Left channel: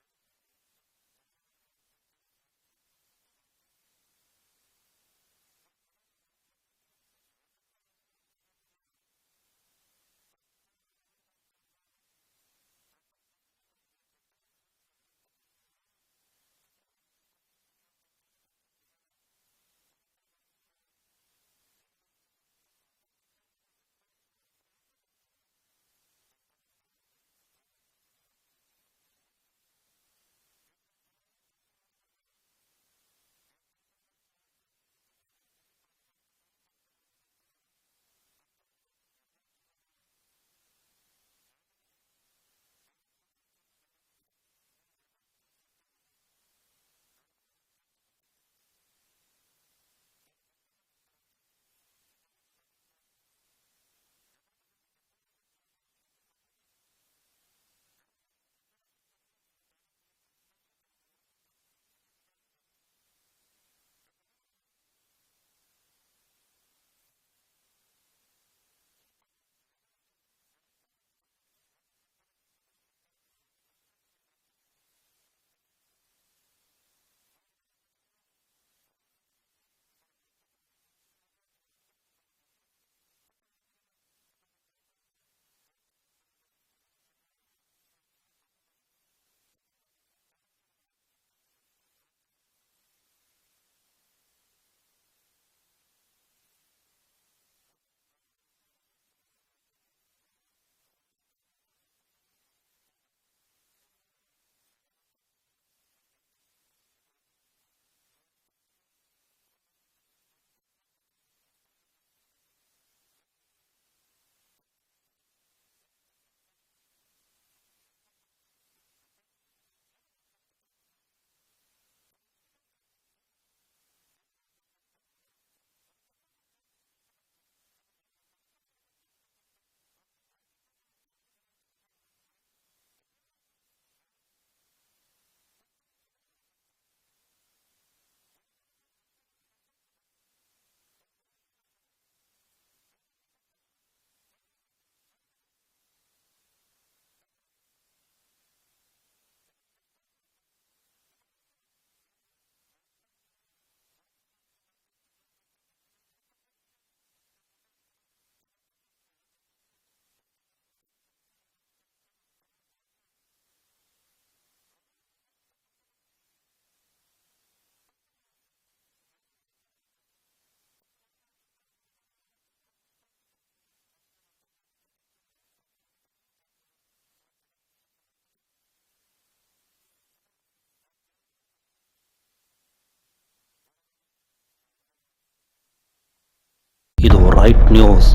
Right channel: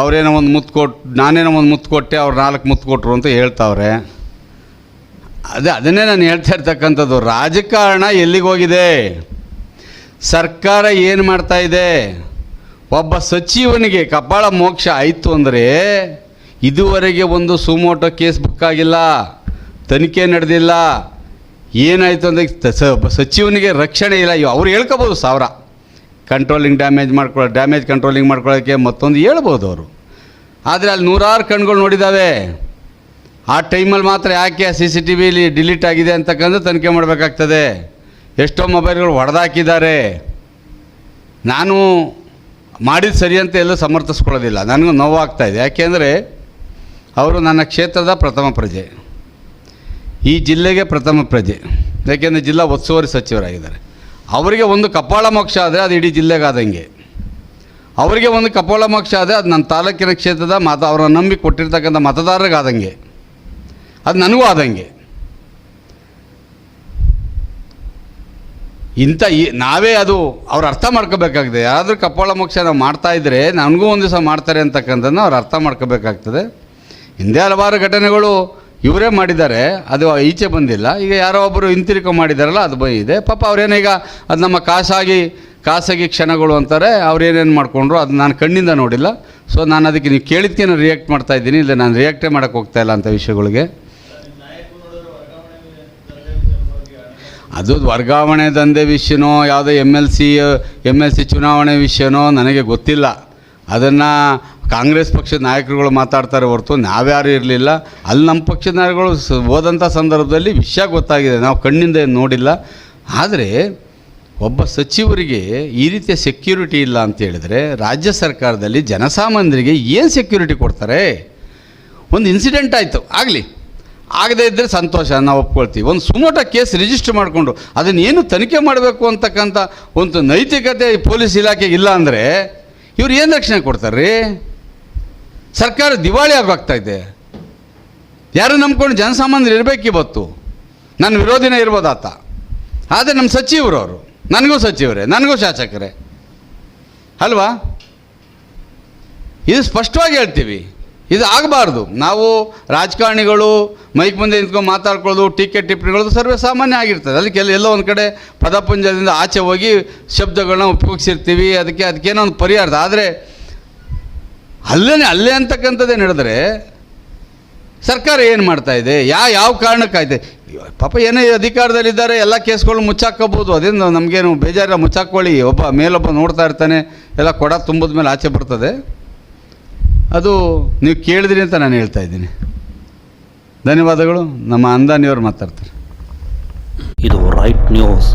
ಅವರೇನೋ ಒಂದು ಮುತ್ತು ಕೊಟ್ಟು ನಾನೇನೋ ಒಂದು ಮುತ್ತು ಕೊಟ್ಟೆ, ಅವ್ರು 4 ಮುತ್ತು ಕೊಟ್ಟರು ಅಂತ ಹೇಳ್ತಾವ್ರೆ. ಅದನ್ನೇ ನಾನು ಹೇಳ್ತಾ ಇರ್ತಕ್ಕಂಥದ್ದು. ರಾಜಕಾರಣ ಎಲ್ಲಿಗೋಗಿದೆ, ಸರ್ಕಾರ ಏನು ಮಾಡ್ತಾಯಿದೆ, ಒಬ್ಬ ಸಚಿವನಿಗೆ ಕಪಾಳ ಮೋಕ್ಷ ಆಯಿತು ಅಂದರೆ ಇದುವರೆಗೆ ಒಂದು ಸುಮೋಟೋ ಕೇಸ್ ಬುಕ್ ಆಗಿಲ್ಲ, ತನಿಖೆ ನಡೆದಿಲ್ಲ. ಏನಾಯಿತು ಅಂದರೆ ಸಚಿವನಿಗೆ ರಕ್ಷಣೆ ಇಲ್ಲ. ಅವ್ರು ಹೇಳ್ಕೋಬೋದು 1000 ಕಂಟ್ರೋಲಿಂಗ್ ಡ್ಯಾಮೇಜ್ ಕಂಟ್ರೋಲಿಂಗ್ ಮಾಡ್ಕೊಳ್ಳೋಕ್ಕೆ ಮತ್ತೊಂದು ಹೇಳ್ಬೋದು ಅವರು. ಆದರೆ ಅಲ್ಲಿ 100 ಕಣ್ಗಳು ನೋಡಿದ್ದಾವೆ. ಆ ಟೈಮಲ್ಲಿ ಮಾತ್ರ ಯಾಕೆ CCTV ಡಿಲೀಟ್ ಆಗಿದೆ ಅಂತಕ್ಕಂಥ ತನಿಖೆ ಮಾಡಬೇಕಾಗ್ತದೆ. ಎಷ್ಟೋ ಮೊಬೈಲ್ಗಳು ಹೊಡೆದಾಕಿದ್ದಾರೆ. ನಾನು ಮಾಡಿದ ಸರಿ ಅಂತ ಎಲ್ಲೂ ಸಮರ್ಥಿಸ್ಕೊಳ್ಳೋದಿಲ್ಲ, ನನಗೂ ನೋವಾಗ್ತಾಯಿದೆ. ಯಾಕೆಂದರೆ ಅವರು ನನ್ನ ಕ್ಷೇತ್ರದ ಪ್ರಥಮ ಪ್ರಜೆ, ಈ ಜಿಲ್ಲೆಗೆ ಪ್ರಥಮ ಪ್ರಜೆ. ಯಾಕೆಂದರೆ ಜಿಲ್ಲಾ ಉಸ್ತುವಾರಿ ಸಚಿವರಾಗಿದ್ದಾರೆ. ಅವರಿಗೆ ಒಂದು ಕಪಾಳ ಮೋಕ್ಷ ಆದರೆ ಅದು ಇಡೀ ಜಿಲ್ಲೆಗೆ ಆದಂಗೆ. ಅವರಿಗೆ ಒಂದು ಕಪಾಳ ಮೋಕ್ಷ ಆದರೆ ಅದು ನನ್ನ ತಾಲೂಕಿನ ಕ್ಷೇತ್ರದ ಅವರ ನಂಬಿ ಕೊಟ್ಟಿರ್ತಕ್ಕಂಥ ಮತದಾರರಿಗೆ ಆದಂಗೆ, ಅದು ನನಗೂ ಆದಂಗೆ. ನಾವೇ ಅದು ಅವ್ರು ಅರ್ಥ ಮಾಡ್ಕೋಬೇಕಾಗಿದೆ. ಯಾರಾದರೂ ಕಪಾಳ ಮೋಕ್ಷ ನಾವು ಮಾಡ್ತಾಯಿದ್ರೆ ನನಗೂ ಒಂದು ದಿವಸ ಮಾಡ್ತಾರೆ ಅಂತಕ್ಕಂಥದ್ದನ್ನು ಅವ್ರು ಅರ್ಥ ಮಾಡ್ಕೋಬೇಕಾಗ್ತದೆ. ಹಿಂದೆ ಹಲವಾರು ಘಟನೆಗಳು ಇವರೇ ಮಾಡಿದ್ದಾರೆ, ಅದು ಈಚೆ ಬಂದಿಲ್ಲ. ಈಗ ಯಾರೋ ಒಬ್ಬರು ಹಿಂತಿರುಗಿ ಮಾಡಿದಾರಲ್ಲ, ಅದು ಬಂದಿದೆ. ಪಾಪ ಅವ್ರೇನೀಗ ಅದು ನಮ್ಮ ಖಾಸಗಿ ಕ್ಷಣಗಳು ಅಂತಾರೆ. ಅವ್ರೇನೇನು ಮಾಡಿಕೊಂಡ್ರು ಅದು ನಾನು ಕಣ್ಣಿಂದ ನೋಡಿಲ್ಲ. ಸೊ ನಾನು ಅದಕ್ಕೆ ನೀವು ಕೇಳಿದ್ದಕ್ಕೆ ನಾನು ರಿಯಾಕ್ಟ್ ಮಾಡ್ತಾಯಿದ್ದೀನಿ, ಇಲ್ಲ ನಾನು ರಿಯಾಕ್ಟೇ ಮಾಡೋಕ್ಕೆ ಹೋಗ್ತಾಯಿಲ್ಲ ಅಂಥ ವಿಷಯಗಳಿಗೆ. ಅದು ವರ್ಗಾವಣೆ ದಂಧೆ ವಿಷಯನೋ ಯಾವುದೋ MLC ಚುನಾವಣೆ ವಿಷಯನೋ ನನಗೆ ಗೊತ್ತಿಲ್ಲ. ಅದನ್ನು ಕಾಂಗ್ರೆಸ್ ಪಕ್ಷದ ನಾಯಕರುಗಳು ಮಾತಾಡ್ತಾರೆ ಹೊರತು ನಾವ್ಯಾರೂ ಇರಲಿಲ್ಲ. ಅಲ್ಲಿ ನಮ್ಮ ಪಕ್ಷದ ನಾಯಕರುಗಳು ಹೋದಂಥ ಸಂದರ್ಭದಲ್ಲಿ ವಿಷಯ ಗೊತ್ತಾಗಿದೆ, ನಾವು ಕಣ್ಣಿಂದ ಏನು ನೋಡಿಲ್ಲ. ಆದರೆ ಒಬ್ಬ ಸಚಿವರಿಗೆ ಈ ರೀತಿಯ ಸೆಕ್ಯೂರಿಟಿ ಇಲ್ಲ ಅಂತ ಹೇಳಿದ್ರೆ ರಾಜ್ಯ ಸರ್ಕಾರದಲ್ಲಿ ಜನಸಾಮಾನ್ಯರಿಗೆ ಏನು ಸೆಕ್ಯೂರಿಟಿ ಕೊಡ್ತಾರೆ? ಒಂದು ಇನ್ಸಿಡೆಂಟ್ ಆಯಿತು, ಆಗದೇ ಇದ್ದರೆ ಸಂತೋಷ, ನಾವು ಒಪ್ಕೊಳ್ತೀವಿ. ಒಂದು ಸುಮೋಟೋ ಕೇಸ್ ರಿಜಿಸ್ಟರ್ ಮಾಡಿಕೊಂಡು ಅದನ್ನೇನು ತನಿಖೆ ಮಾಡಬೇಕು ಅಂತಕ್ಕಂಥ ಒಂದು ನೈತಿಕತೆ ಪೊಲೀಸ್ ಇಲಾಖೆಗೆ ಇಲ್ಲ ಅಂದರೆ ಇವ್ರು ಏನು ರಕ್ಷಣೆ ಕೊಡ್ತಾರೆ ರೀ? ಸರ್ಕಾರ ದಿವಾಳಿ ಆಗೋಗ್ತಾಯಿದೆ. ಯಾರು ನಂಬ್ಕೊಂಡು ಜನಸಾಮಾನ್ಯರು ಇರಬೇಕು. ಇವತ್ತು ನನ್ನ ವಿರೋಧಿನೇ ಇರ್ಬೋದು ಆತ, ಆದರೆ ನಮ್ಮ ಸಚಿವರು ಅವರು, ನನಗೂ ಸಚಿವರೇ, ನನಗೂ ಶಾಸಕರೇ ಅಲ್ವಾ? ಇದು ಸ್ಪಷ್ಟವಾಗಿ ಹೇಳ್ತೀವಿ, ಇದು ಆಗಬಾರ್ದು. ನಾವು ರಾಜಕಾರಣಿಗಳು ಮೈಕ್ ಮುಂದೆ ನಿಂತ್ಕೊಂಡು ಮಾತಾಡ್ಕೊಳ್ಳೋದು, ಟೀಕೆ ಟಿಪ್ಪಣಿಗಳದು ಸರ್ವೇ ಸಾಮಾನ್ಯ ಆಗಿರ್ತದೆ. ಅದಕ್ಕೆ ಎಲ್ಲೋ ಒಂದು ಕಡೆ ಪದಪುಂಜದಿಂದ ಆಚೆ ಹೋಗಿ ಶಬ್ದಗಳನ್ನ ಉಪಯೋಗಿಸಿರ್ತೀವಿ. ಅದಕ್ಕೇನೋ ಒಂದು ಪರಿಹಾರ. ಆದರೆ ಅಲ್ಲೇ ಅಂತಕ್ಕಂಥದ್ದೇ ನಡೆದರೆ ಸರ್ಕಾರ ಏನು ಮಾಡ್ತಾಯಿದೆ? ಯಾವ ಕಾರಣಕ್ಕಾಯ್ತು? ಪಾಪ ಏನೇ ಅಧಿಕಾರದಲ್ಲಿದ್ದಾರೆ, ಎಲ್ಲ ಕೇಸ್ಗಳು ಮುಚ್ಚಾಕೋಬೋದು. ಅದೇನು ನಮಗೇನು ಬೇಜಾರಿಲ್ಲ, ಮುಚ್ಚಾಕೊಳ್ಳಿ. ಮೇಲೊಬ್ಬ ನೋಡ್ತಾ ಇರ್ತಾನೆ, ಎಲ್ಲ ಕೊಡ ತುಂಬಿದ ಮೇಲೆ ಆಚೆ ಬರ್ತದೆ. ಅದು ನೀವು ಕೇಳಿದ್ರಿ ಅಂತ ನಾನು ಹೇಳ್ತಾ ಇದ್ದೀನಿ. ಧನ್ಯವಾದಗಳು. ನಮ್ಮ ಅಂದಾನಿಯವರು ಮಾತಾಡ್ತಾರೆ. ಇದು ರೈಟ್ ನ್ಯೂಸ್.